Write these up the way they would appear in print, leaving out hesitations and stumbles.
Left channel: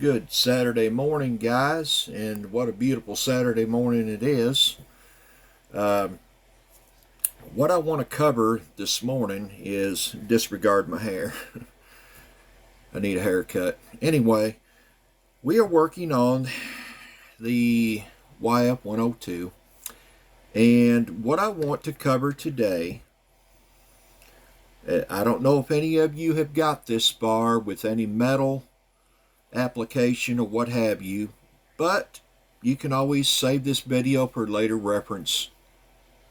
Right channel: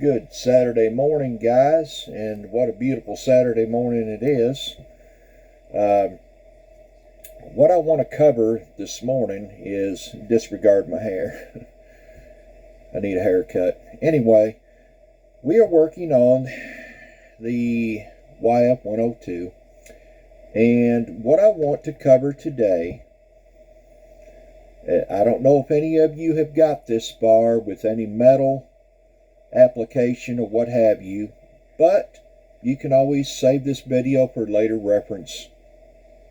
Good Saturday morning, guys, and what a beautiful Saturday morning it is. Um, what I want to cover this morning is disregard my hair. I need a haircut. Anyway, we are working on the YF 102, and what I want to cover today, I don't know if any of you have got this far with any metal application or what have you, but you can always save this video for later reference.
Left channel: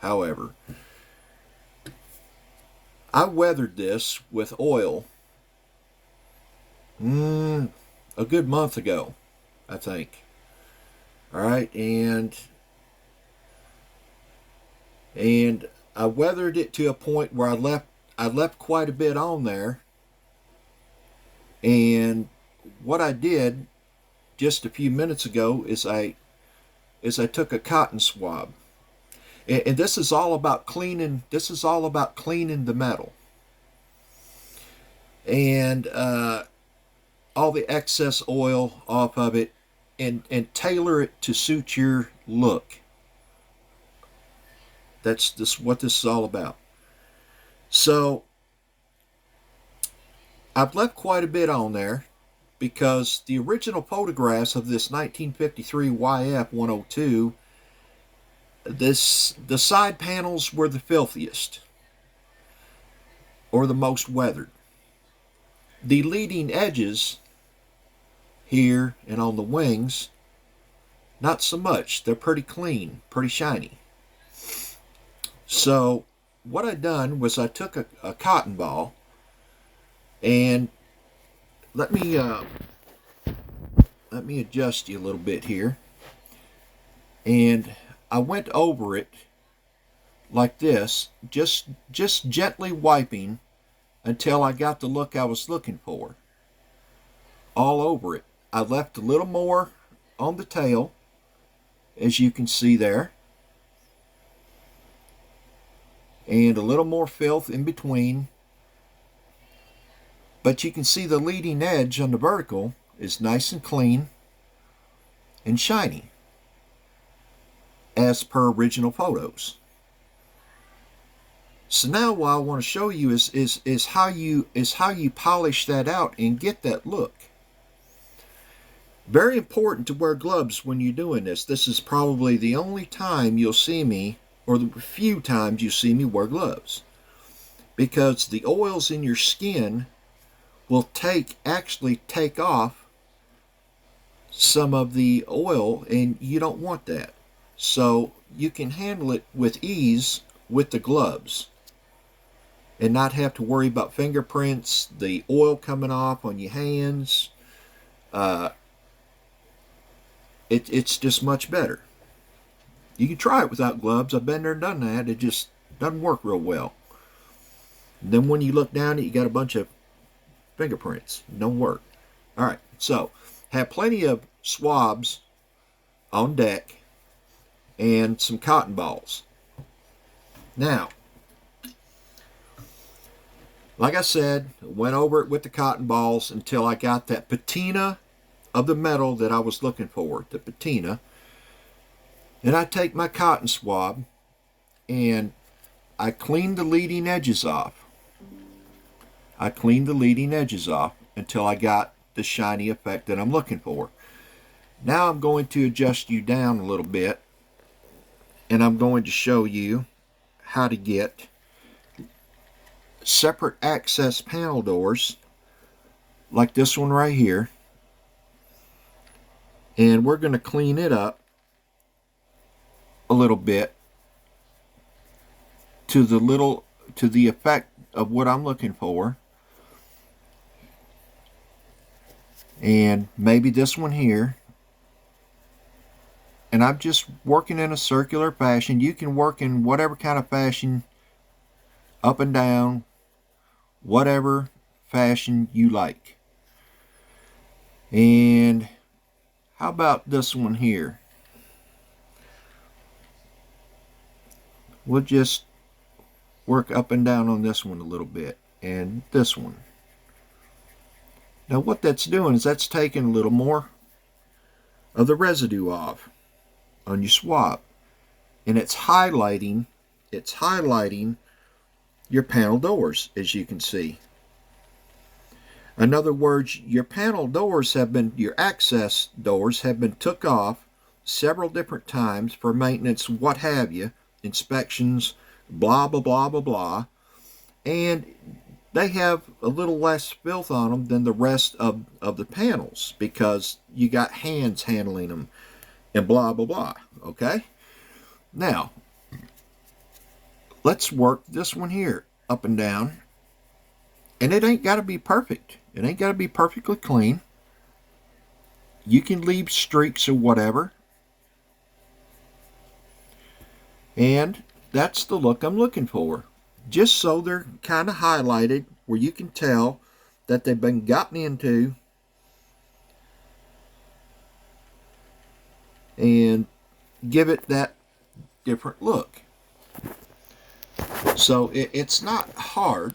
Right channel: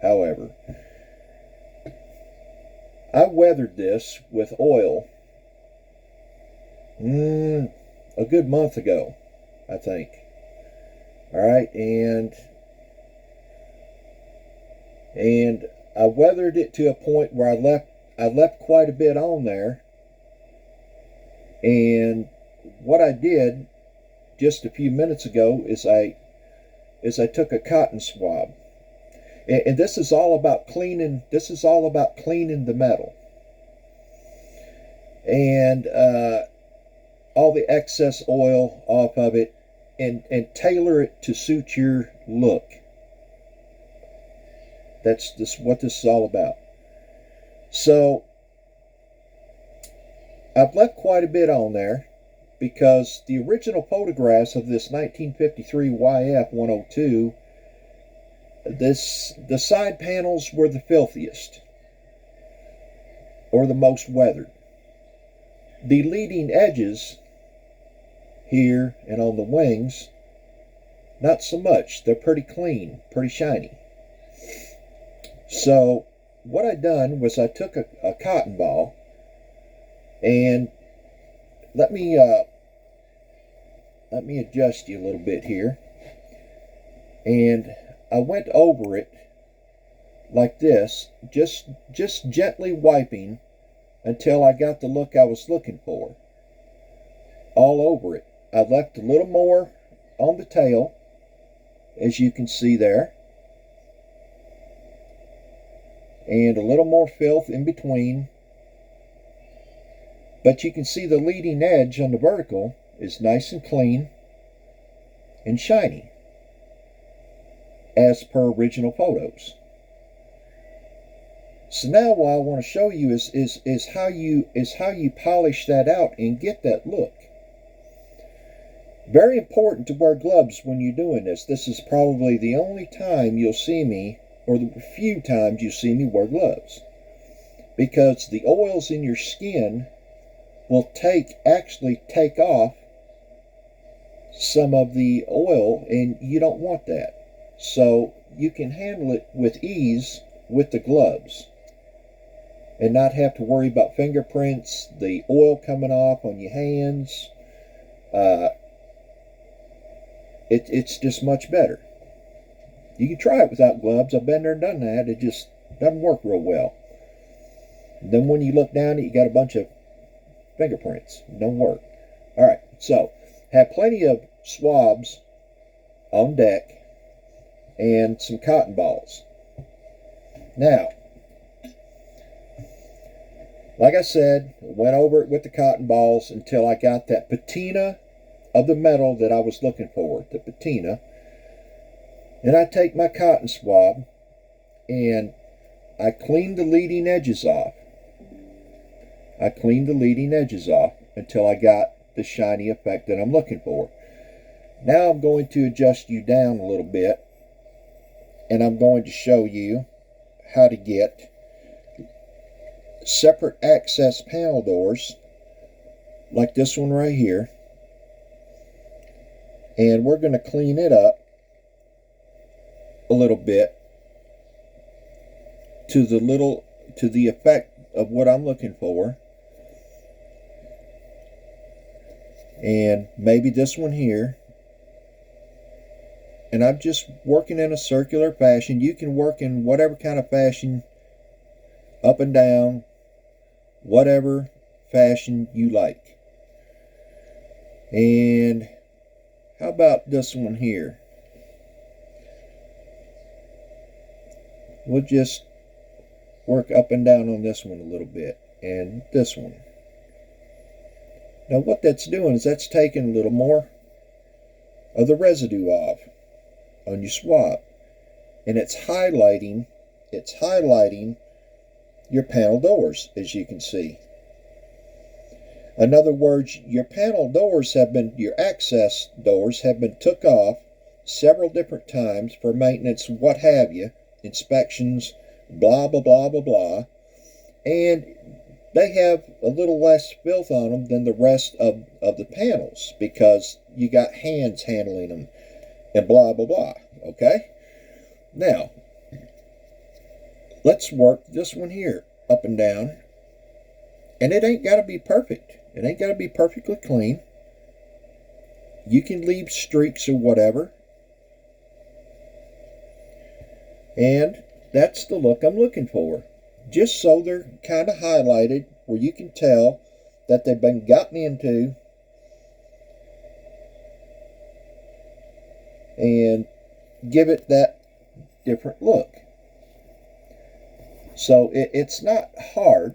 However, I weathered this with oil a good month ago, I think. All right, and I weathered it to a point where I left quite a bit on there. And what I did just a few minutes ago is I took a cotton swab, and this is all about cleaning. This is all about cleaning the metal and all the excess oil off of it, and tailor it to suit your look. That's what this is all about. So I've left quite a bit on there because the original photographs of this 1953 YF 102, the side panels were the filthiest or the most weathered. The leading edges here and on the wings, not so much. They're pretty clean, pretty shiny. So what I done was I took a cotton ball, and let me adjust you a little bit here, and I went over it like this, just gently wiping until I got the look I was looking for. All over it. I left a little more on the tail, as you can see there, and a little more filth in between. But you can see the leading edge on the vertical is nice and clean and shiny, as per original photos. So now what I want to show you is how you polish that out and get that look. Very important to wear gloves when you're doing this. This is probably the only time you'll see me, or the few times you see me wear gloves, because the oils in your skin will actually take off some of the oil, and you don't want that. So you can handle it with ease with the gloves and not have to worry about fingerprints, the oil coming off on your hands. It's just much better. You can try it without gloves. I've been there and done that. It just doesn't work real well. And then when you look down it, you got a bunch of fingerprints. It don't work. All right, so have plenty of swabs on deck and some cotton balls. Now, like I said, went over it with the cotton balls until I got that patina of the metal that I was looking for, the patina. Then I take my cotton swab and I clean the leading edges off. I cleaned the leading edges off until I got the shiny effect that I'm looking for. Now I'm going to adjust you down a little bit, and I'm going to show you how to get separate access panel doors like this one right here, and we're going to clean it up a little bit to the effect of what I'm looking for. And maybe this one here. And I'm just working in a circular fashion. You can work in whatever kind of fashion, up and down, whatever fashion you like. And how about this one here? We'll just work up and down on this one a little bit, and this one. Now what that's doing is that's taking a little more of the residue off on your swab, and it's highlighting your panel doors, as you can see. In other words, your access doors have been took off several different times for maintenance, what have you, inspections, blah, blah, blah, blah, blah. And they have a little less filth on them than the rest of the panels because you got hands handling them and blah, blah, blah. Okay? Now, let's work this one here up and down. And it ain't got to be perfect. It ain't got to be perfectly clean. You can leave streaks or whatever. And that's the look I'm looking for. Just so they're kind of highlighted where you can tell that they've been gotten into and give it that different look. So it's not hard.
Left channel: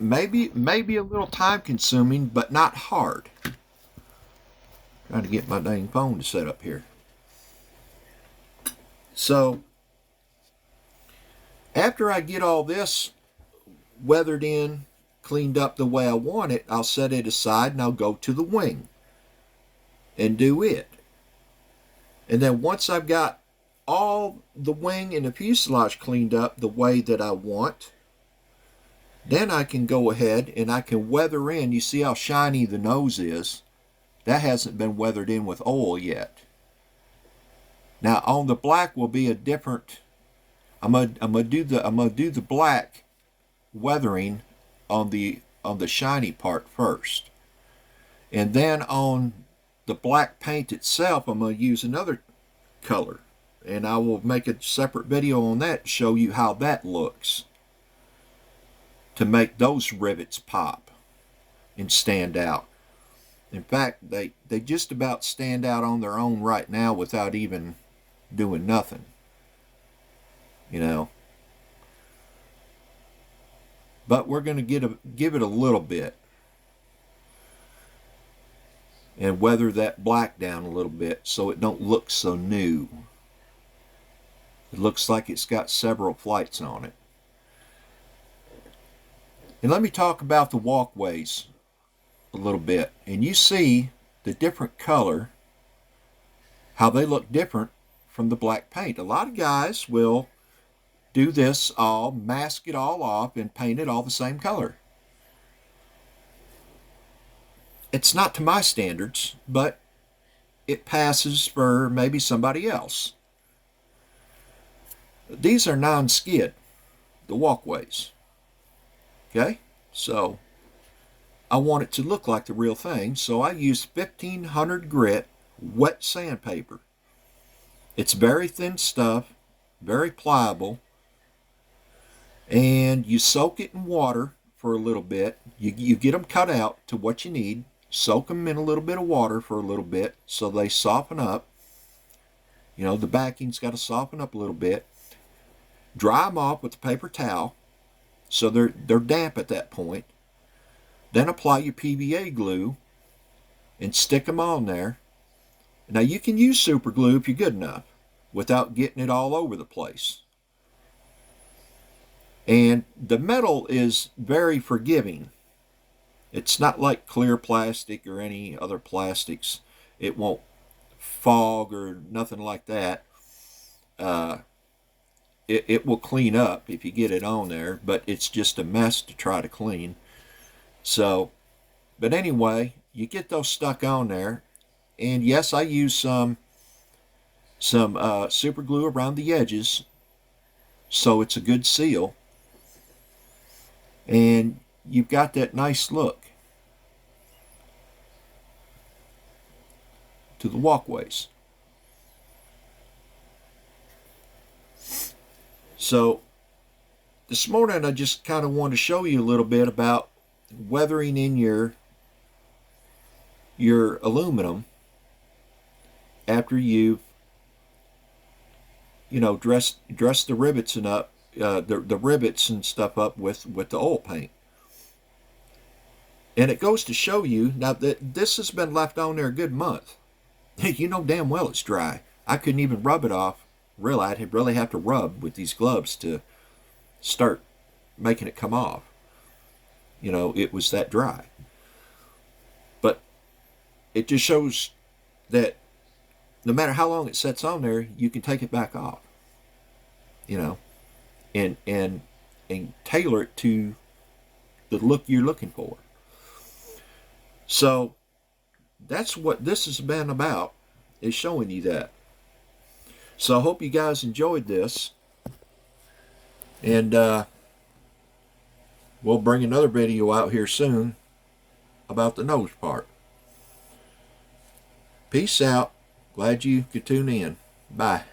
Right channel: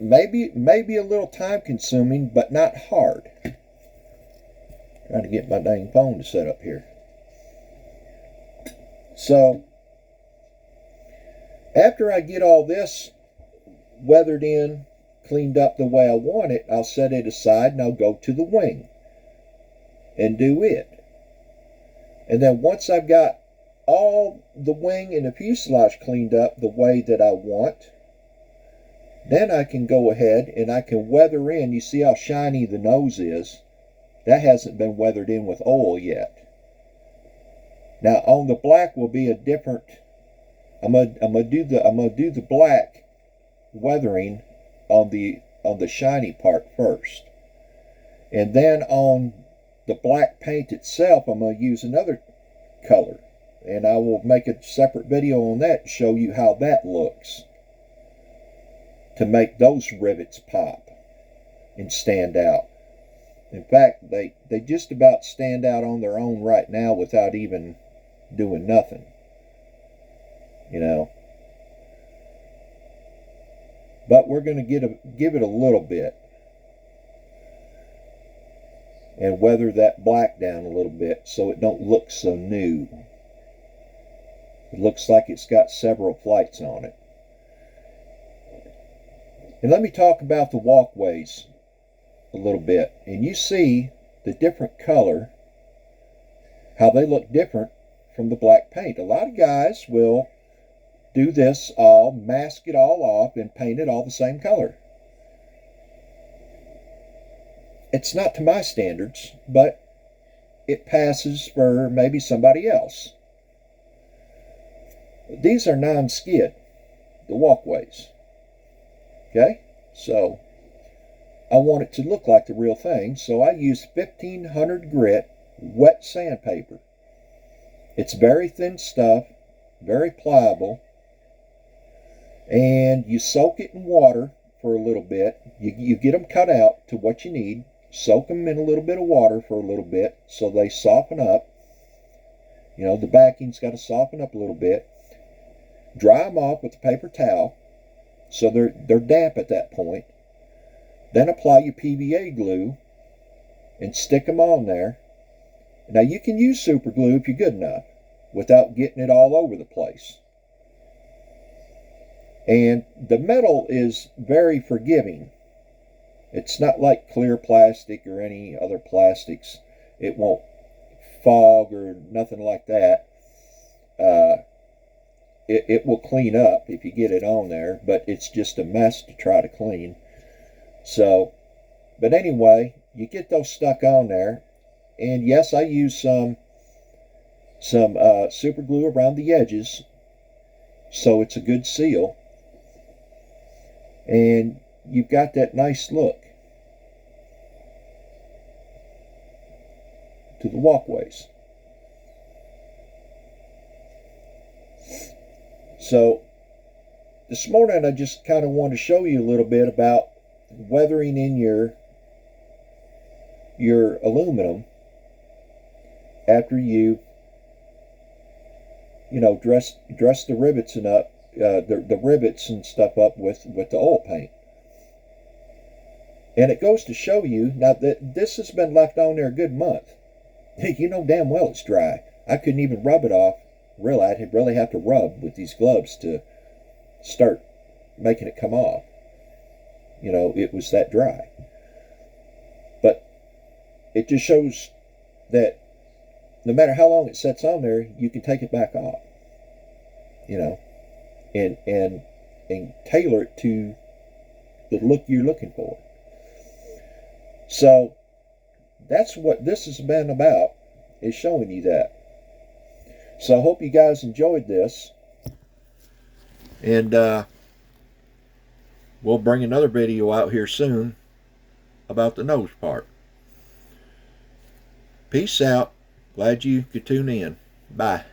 Maybe a little time consuming, but not hard. Trying to get my dang phone to set up here. So after I get all this weathered in, cleaned up the way I want it, I'll set it aside and I'll go to the wing and do it. And then once I've got all the wing and the fuselage cleaned up the way that I want, then I can go ahead and I can weather in. You see how shiny the nose is? That hasn't been weathered in with oil yet. Now on the black will be a different. I'm gonna do the black weathering on the shiny part first, and then on the black paint itself I'm gonna use another color, and I will make a separate video on that to show you how that looks, to make those rivets pop and stand out. In fact, they just about stand out on their own right now without even doing nothing, you know. But we're going to give it a little bit and weather that black down a little bit so it don't look so new. It looks like it's got several flights on it. And let me talk about the walkways a little bit. And you see the different color, how they look different from the black paint. A lot of guys will do this all, mask it all off, and paint it all the same color. It's not to my standards, but it passes for maybe somebody else. These are non-skid, the walkways. Okay, so I want it to look like the real thing, so I used 1500 grit wet sandpaper. It's very thin stuff, very pliable, and you soak it in water for a little bit. You get them cut out to what you need, soak them in a little bit of water for a little bit so they soften up. You know, the backing's got to soften up a little bit. Dry them off with a paper towel so they're damp at that point. Then apply your PVA glue and stick them on there. Now you can use super glue if you're good enough without getting it all over the place. And the metal is very forgiving. It's not like clear plastic or any other plastics. It won't fog or nothing like that. It will clean up if you get it on there, but it's just a mess to try to clean. So, but anyway, you get those stuck on there, and yes, I use some super glue around the edges, so it's a good seal, and you've got that nice look to the walkways. So this morning I just kind of want to show you a little bit about weathering in your aluminum after you've dressed the rivets and up the rivets and stuff up with the oil paint. And it goes to show you, now that this has been left on there a good month. You know damn well it's dry. I couldn't even rub it off. Really, I'd really have to rub with these gloves to start making it come off. You know, it was that dry. But it just shows that no matter how long it sits on there, you can take it back off. You know, and tailor it to the look you're looking for. So that's what this has been about, is showing you that. So I hope you guys enjoyed this, and we'll bring another video out here soon about the nose part. Peace out. Glad you could tune in. Bye.